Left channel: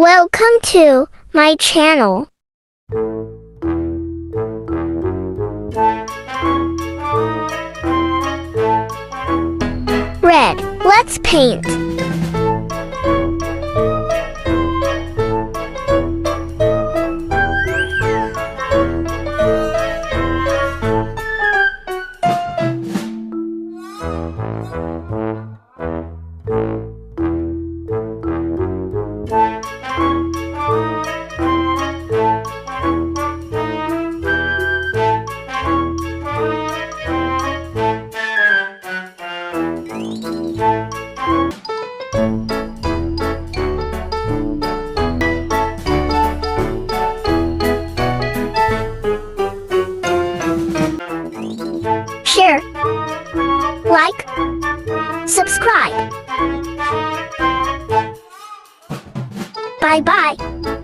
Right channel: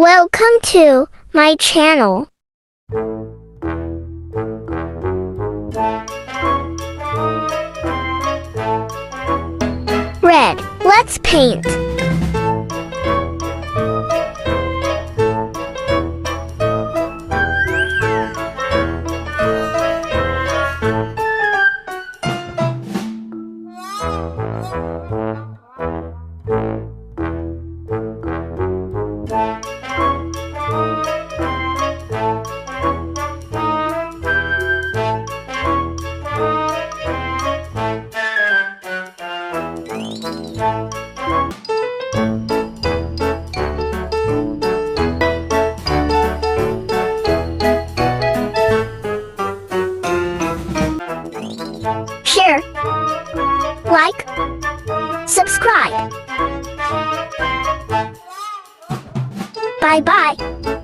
Welcome to my channel. Red, let's paint. Share, like, subscribe. Bye-bye.